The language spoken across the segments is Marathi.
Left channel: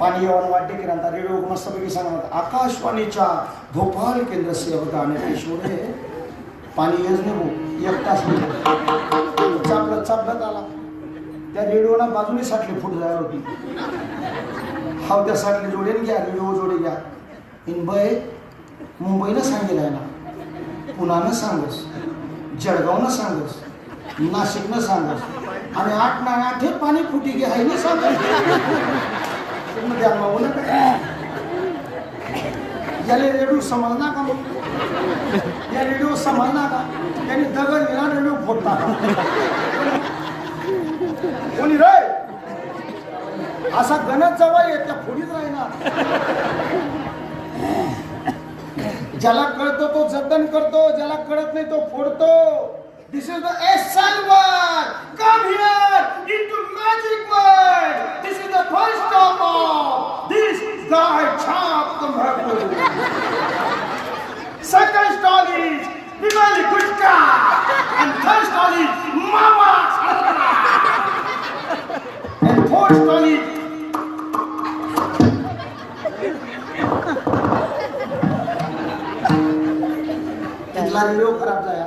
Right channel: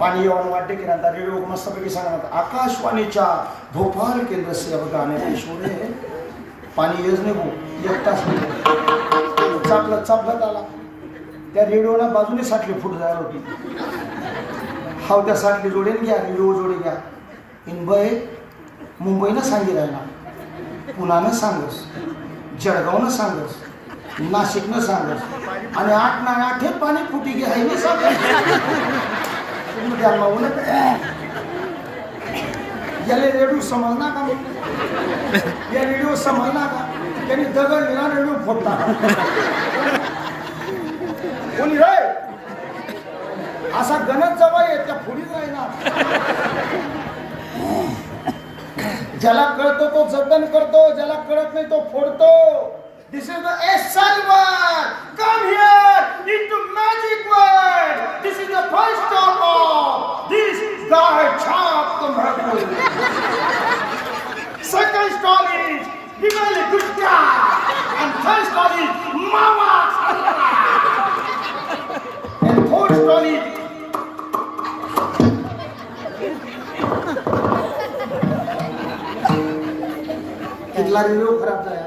पाणी येऊन वाटते की नंतर रेडिओ मस्तपैकी सांगणार आकाशवाणीच्या भोपाळ केंद्र से अब गाणे पेशवले पाणी येच नाही भाऊ 1 तास चापलत आला त्या रेडिओला बाजूने साठली फूट जायला होती हाव त्या साठली जोडेन घ्या रेडिओ जोडे घ्या मुंबईनं सांगितलं ना पुण्यानं सांगस जळगावनं सांगस नाशिकनं सांगस आणि 8 ना 8 हे पाणी फुटी घे आहे नाही सांगस याला रेडिओ समजणार का मग या रेडिओ समजणार का त्यांनी दगड दिला रेडिओ फोडला कोणी रे असा गणत जवळ येत त्या फोडीत राहणार ज्याला कळतो तो जतन करतो ज्याला कळत नाही तो फोडतो This is the essential word. Come here into magic word. This is the first stop of this guy chop Kumharapur. Second stall is Bimali Gutka. And third stall is Mama. And fourth stall is कितना रेडिओ खराब जाया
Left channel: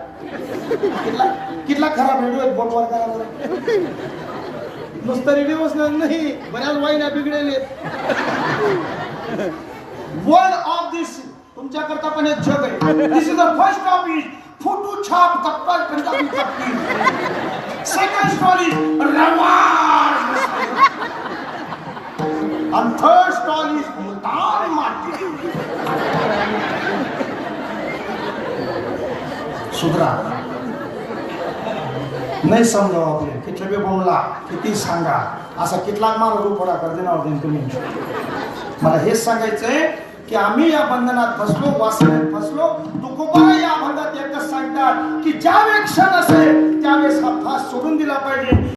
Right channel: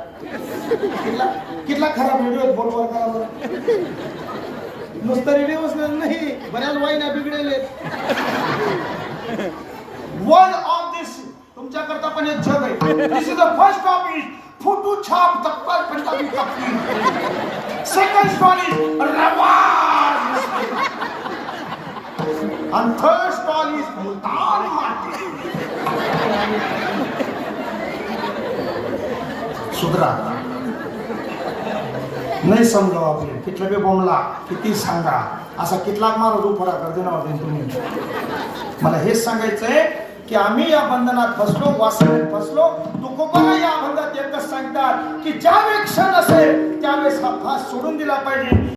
कितना खराब रेडिओ बोटवर करा बरं नुसतं रेडिओच नाही बऱ्याच वाईना बिघडेले वन ऑफ दिस तुमच्याकरता पण एक जग आहे this is the first topic photo छाप तक्कल पंजाबी तक्की सेकंड स्टोरी रवाज and third stall is मुतार माटी सुधरा नाही समजावं आपले कितले बी बोंबला किती सांगा असा कितला मारा रूपडा करते ना आपण तुम्ही मला हेच सांगायचंय की आम्ही या बंधनात फसलो वासनेत फसलो तुकोबा या अभंगात एकच सांगतात की ज्यावेळी क्षण असेल त्यावेळेस हा फास सोडून दिला पाहिजे